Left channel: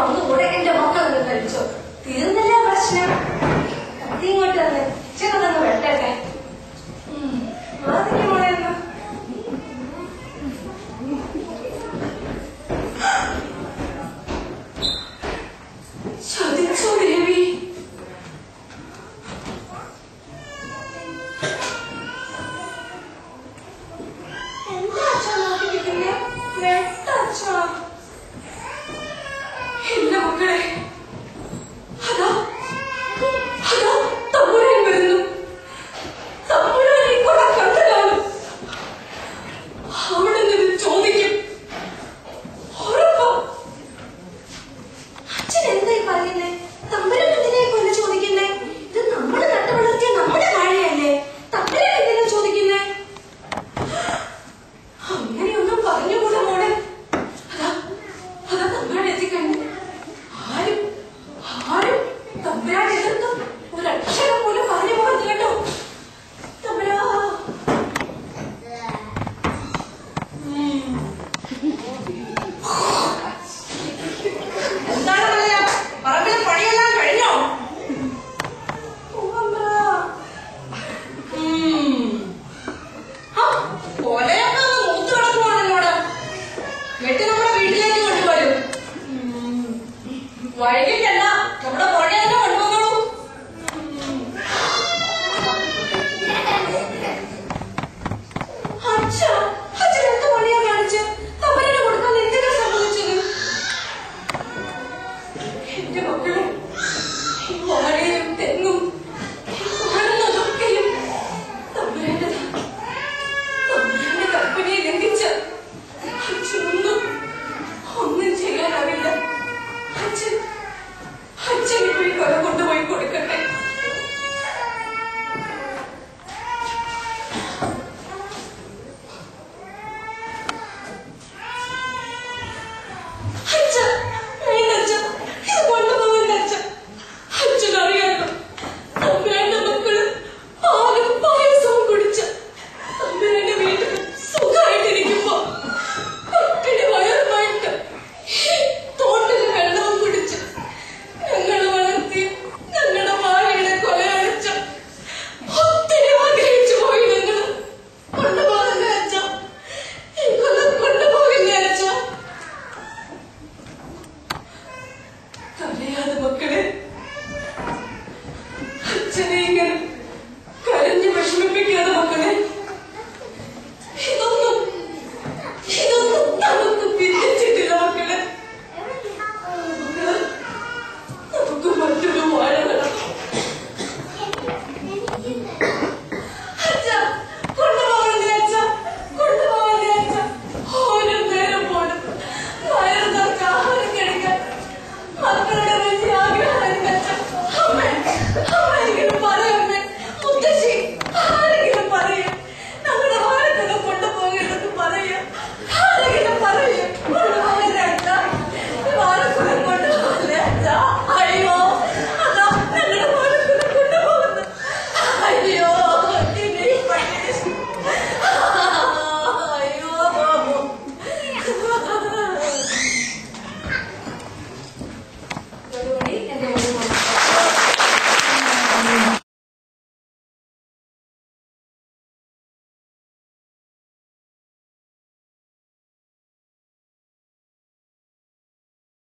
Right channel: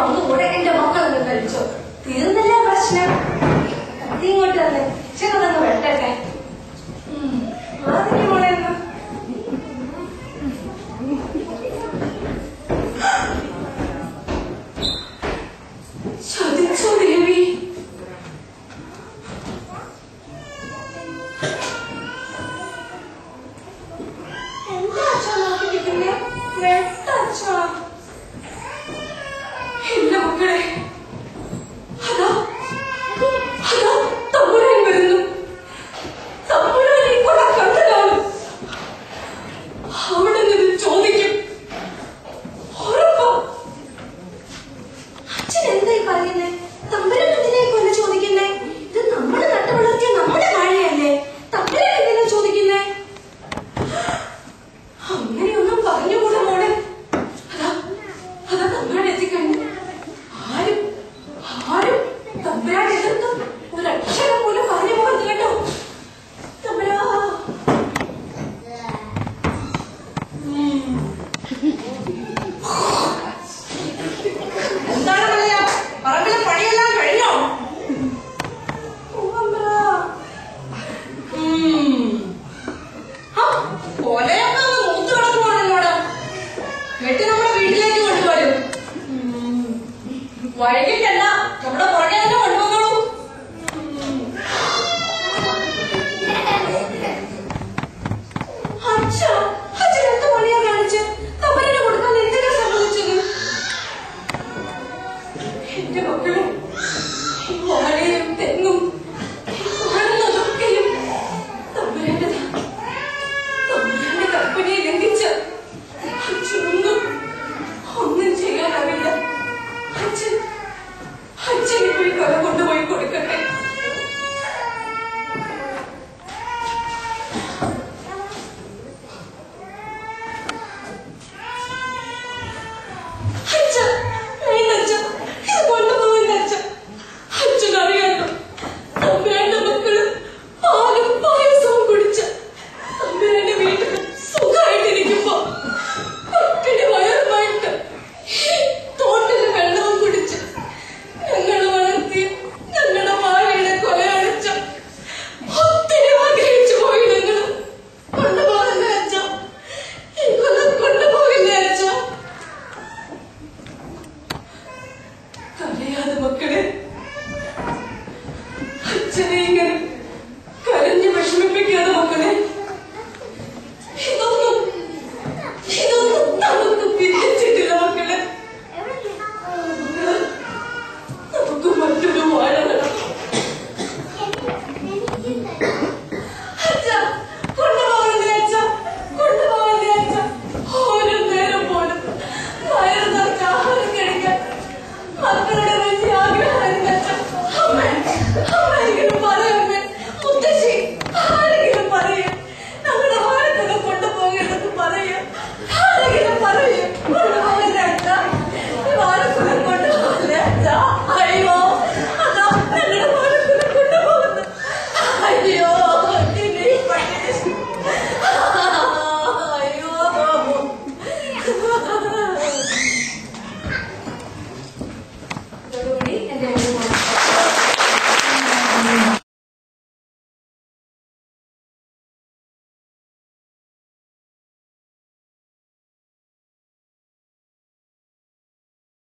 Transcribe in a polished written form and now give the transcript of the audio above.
വന്നു കൂടെ എന്റെ മക്കളൊന്ന് കഴിച്ചോ. തീർന്നില്ല പ്രശ്നം. കത്തി ഇങ്ങോട്ട് തന്നെ ചെറുതൊന്ന് വെട്ടട്ടെ. അതിന് മോളെ എന്നാ ചതിച്ചോ ദേവി. എന്താ അച്ഛാ നോക്കിയിരിക്കുന്നേ? വെട്ടച്ഛാ. ഇല്ല മക്കളെ, അതാ അതാ തമ്പുരാൻ വരുന്നു. തമ്പുരാൻ ഈ കൊട കണ്ടു കാണും. അവിടെ നിന്ന് ചോദിക്കും. ഉറപ്പാ. അച്ഛൻ എന്തായി പറയുന്നേ? തമ്പുരാൻ എന്തിനാ കൊല ചോദിക്കുന്നേ? ഇത് നമ്മൾ നട്ടു വളർത്തിയ നമ്മുടെ വാഴയല്ലേ. തമ്പുരാൻ എന്തിനാ ചോദിക്കുന്നേ? അങ്ങനെയൊന്നും പറഞ്ഞുകൂടാ മോളെ. അതാ അതാ തമ്പുരാൻ എത്തിക്കഴിഞ്ഞു. ആരും ആരും തമ്പുരാൻ എതിർത്തും ഒരക്ഷരം പോലും പറഞ്ഞു പോകരുത് കേട്ടോ. തമ്പുരാ എന്താണ് പറയാ? പറമ്പിലെ പണിയെല്ലാം കഴിഞ്ഞോ? കൊലയൊക്കെ മൂത്ത് കിടക്കുവാണല്ലോട്. വെട്ടി നമ്മുടെ വീട്ടിലേക്ക് കൊണ്ടുവരും. വൈകിട്ടല്ല, നമ്മുടെ പുഴ തന്നെ കൊണ്ടുവന്നോളൂ. അച്ഛൻ എന്ത് പണിയാ കാണിച്ച്? തമ്പുരാന് കൊടുക്കാൻ എന്തിനാ സംഭവിച്ചത്? എന്റെ മക്കളെ, ഈ വാഴയും തെങ്ങും